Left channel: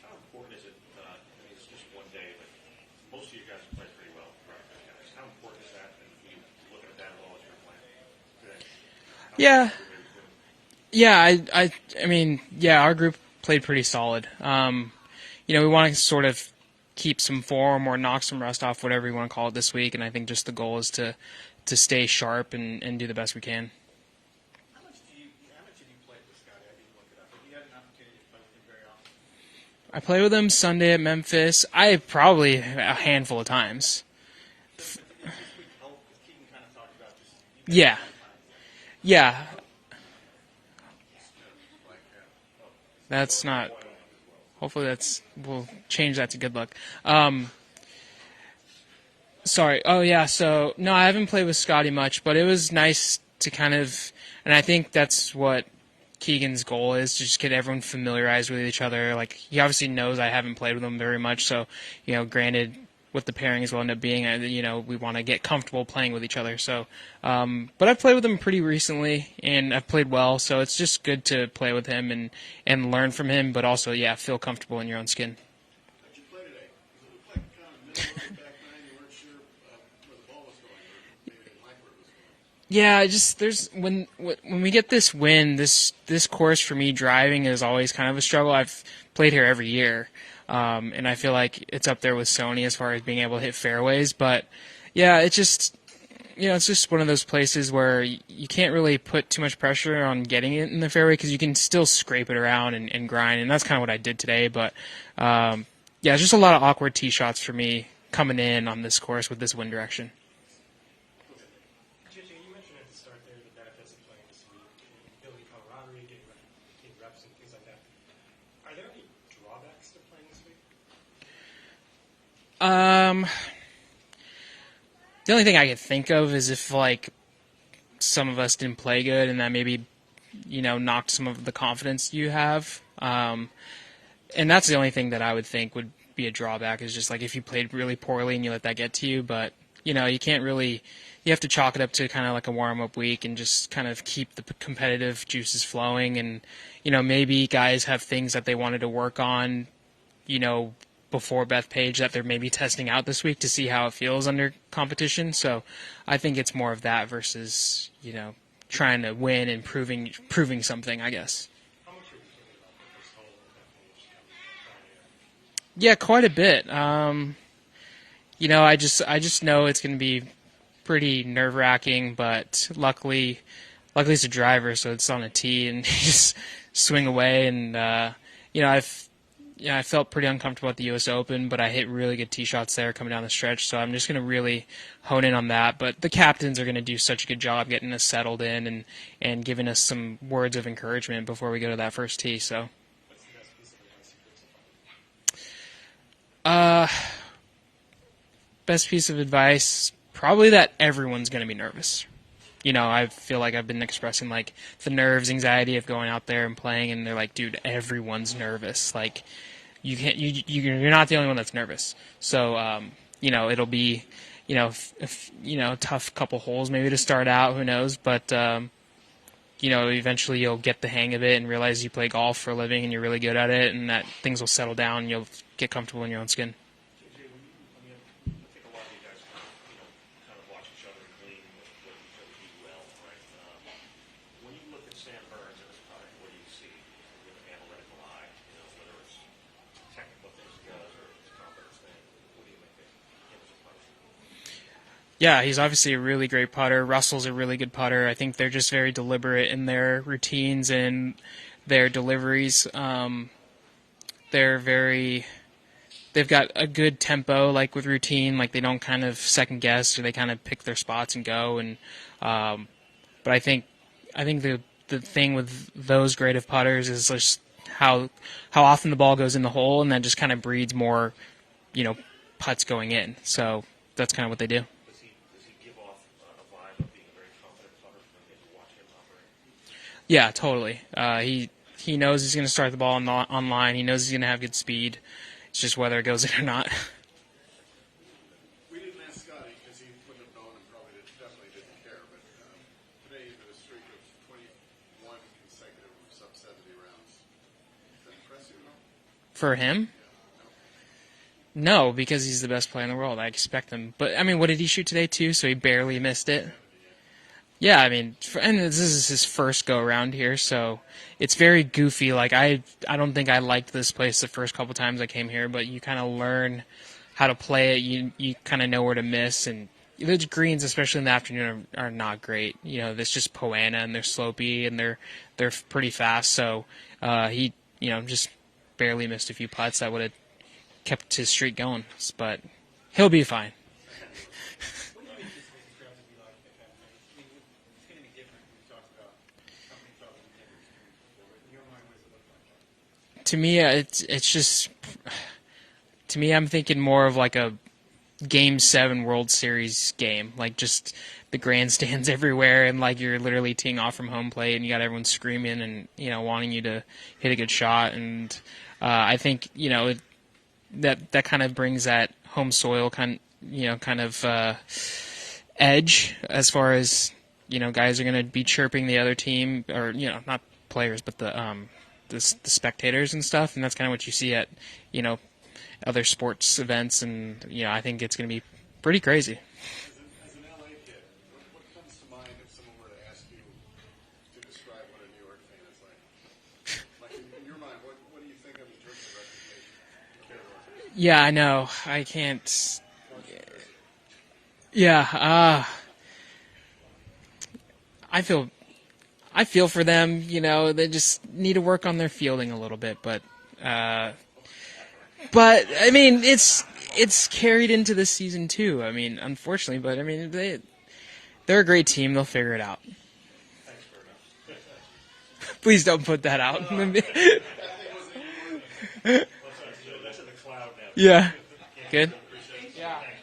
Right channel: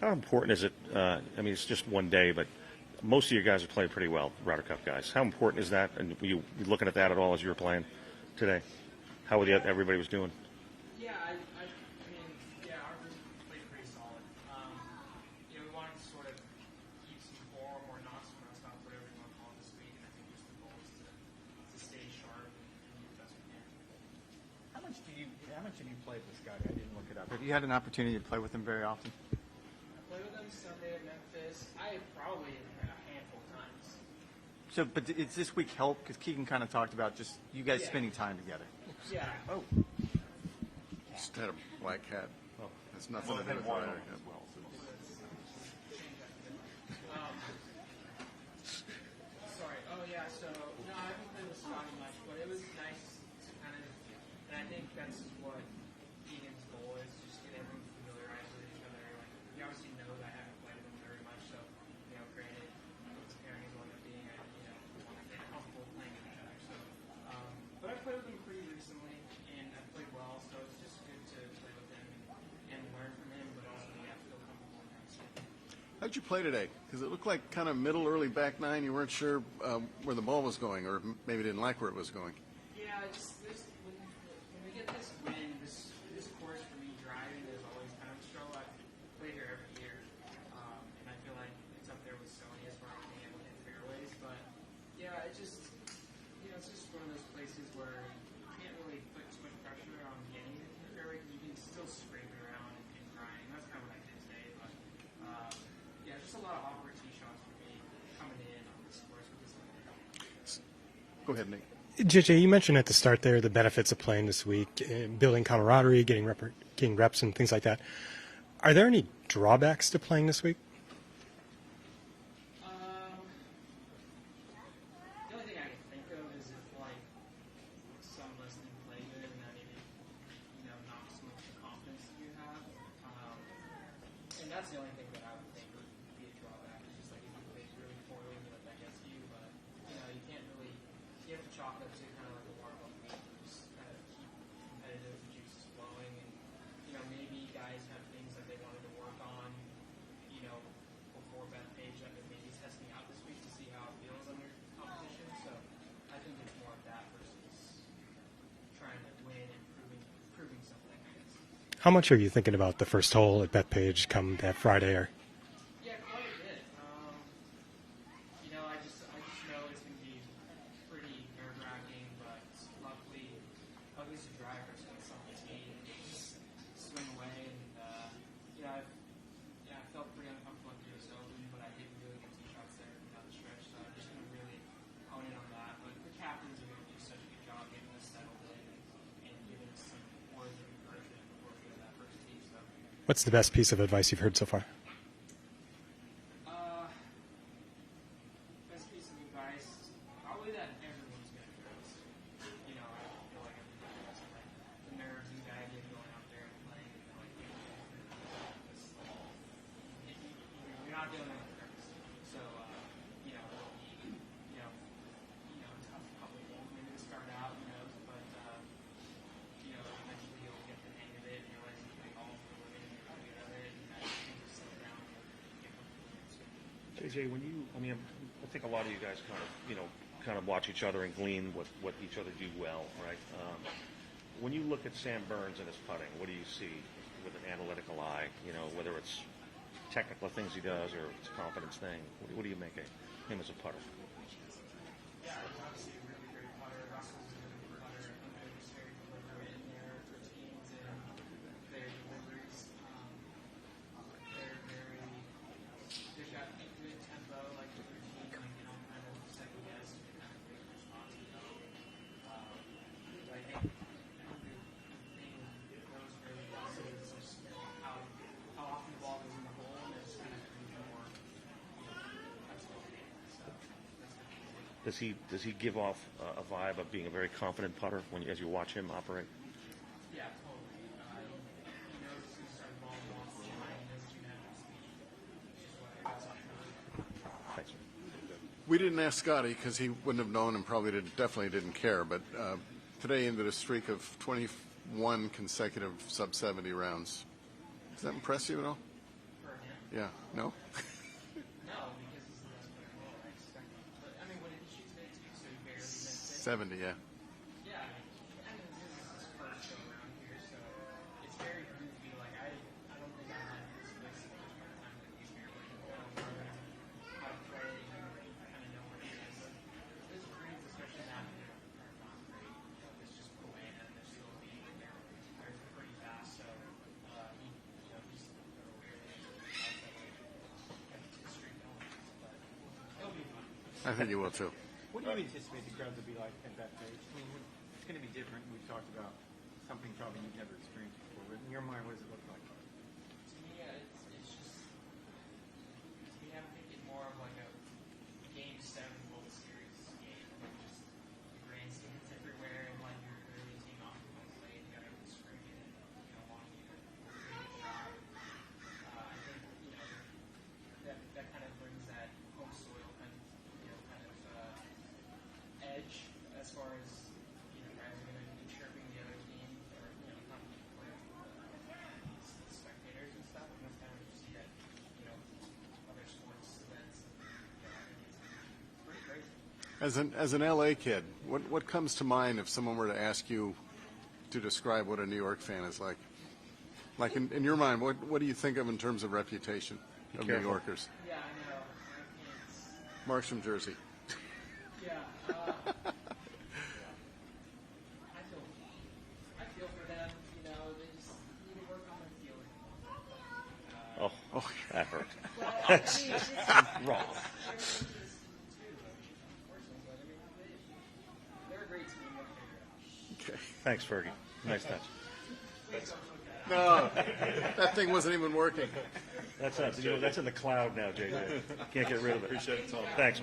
How important is it? I mean, it's just one day, but most of your guys are playing pretty well, Ryder Cup guys. How important is that? And were you looking at that at all as you were playing today? How everybody was doing? Yeah, I mean, yeah, our group played pretty solid. We want to sort of keep some form or knock some rust off, whatever you want to call it this week, and I think just the goal is to stay sharp and do the best we can. How much have you played with Scottie? I didn't look it up. Have you had an opportunity to play with him very often? I played with him Sunday at Memphis. Probably a handful of times. So, but did this week help? Because Keegan kind of talked about just you guys spending time together. Yeah. Instead of black hat. Oh, that's not. Hopefully we'll change that to good luck. Sorry. Oh, yeah. So, no, I haven't played with Scottie much, but it was nice to kind of, and I think that's what Keegan's goal is, to just get everyone familiarized with each other. Like, he obviously knows I haven't played with him very much, so, granted, what the pairings will end up being, we want to get comfortable playing with each other. So, but I've played with him pretty recently, and I've played well, so it's just good to play with him and learn from him, but also, feel comfortable in your own skin. How'd you play today? Because it looked like kind of middle, early back nine. You weren't sure where the ball was going, or maybe didn't like where it was going. Yeah, when we get this win, this course for me driving is always kind of a struggle. I've played here every year. And I feel like it's up there with Sony as far as being able to hit fairways. But, yeah, it's just one of those places where you can't really put too much pressure on getting it in the fairway because you can still scrape it around and grind. And that's kind of what I did today. But, it's just a lot of awkward tee shots for me coming in on this course with this wind direction. Go ahead, Nate. JJ, you mentioned at the start there the benefits of playing this week, building camaraderie, getting reps and things like that. Are there any drawbacks to playing this week? The only thing I could think of is if, some of us didn't play good and that maybe, knocked some of the confidence you have. And that's the only thing that I would think would be a drawback is just, if you played really poorly and you let that get to you. But, you can't really – you have to chalk it up to kind of like a warm-up week and just kind of keep the competitive juices flowing and – maybe guys have things that they wanted to work on, before Bethpage that they're maybe testing out this week to see how it feels under competition. So I think it's more of that versus, trying to win and proving something, I guess. How much are you thinking about the first hole at Bethpage come that Friday? Yeah, quite a bit. I just know it's going to be pretty nerve-wracking, but luckily it's a driver, so it's on a tee and just swing away. And I felt pretty uncomfortable at the U.S. Open, but I hit really good tee shots there coming down the stretch. So I'm just going to really hone in on that. But the captains are going to do such a good job getting us settled in and giving us some words of encouragement before we go to that first tee. So, what's the best piece of advice you've heard so far? Best piece of advice, probably that everyone's going to be nervous. I feel like I've been expressing the nerves, anxiety of going out there and playing, and they're like, dude, everyone's nervous. You're not the only one that's nervous. So, it'll be, a tough couple holes maybe to start out, who knows, but, eventually you'll get the hang of it and realize you play golf for a living and you're really good at it and that things will settle down and you'll get comfortable in your own skin. JJ, I think a lot of you guys kind of watch each other and glean what each other do well, right? When you look at Sam Burns and his putting, what do you see with an analytical eye? Whether it's technical things he does or it's a confidence thing. What do you make of him as a putter? Yeah, he's obviously a really great putter. Russell's a really good putter. I think they're just very deliberate in their routines and their deliveries. They've got a good tempo, with routine. They don't kind of second guess, or they kind of pick their spots and go. And but I think the thing with those grade of putters is just how often the ball goes in the hole, and that just kind of breeds more, putts going in. So that's kind of what they do. Does he give off a vibe of being a very confident putter as you watch him operate? Yeah, totally. He knows he's going to start the ball on line. He knows he's going to have good speed. It's just whether it goes in or not. We didn't ask Scottie because he wouldn't have known and probably definitely didn't care. But today ended a streak of 21 consecutive sub-70 rounds. Does that impress you at all? For him? Yeah, no? No, because he's the best player in the world. I expect him. But, I mean, what did he shoot today, too? So he barely missed it. 70, yeah. Yeah, I mean, and this is his first go-around here, so it's very goofy. Like, I don't think I liked this place the first couple times I came here, but you kind of learn how to play it. You kind of know where to miss, and the greens, especially in the afternoon, are not great. You know, it's just Poana, and they're slopey, and they're pretty fast, so he, just barely missed a few putts that would have kept his streak going, but he'll be fine. I think you will, too. What do you anticipate the crowds will be like at Bethpage? I mean, it's going to be different. We've talked about something probably you've never experienced before. But in your mind, what does it look like? To me, it's just. To me, I'm thinking more of like a Game 7 World Series game, like just the grandstands everywhere, and like you're literally teeing off from home plate, and you got everyone screaming and wanting you to hit a good shot, and I think that kind of brings that home soil kind of edge as far as guys are going to be chirping the other team, or not players but the spectators and stuff, and that's kind of what you see at other sports events, and I think it's going to be pretty crazy. As an LA kid, what comes to mind if someone were to ask you to describe what a New York fan is like? Like in your mind, what do you think of in terms of reputation of New Yorkers? Yeah, I know. I can't. Mark's from Jersey. Yeah, I feel for them. They just need to work on their fielding a little bit, but. That hurt. But I mean, it's carried into this season too. I mean, unfortunately, but I mean, they're a great team. They'll figure it out. Okay. Thanks, Fergie. Nice touch. Please don't put that out. That thing wasn't even working. That's in the cloud now. Yeah. Can't get Good. rid of it. Thanks, man.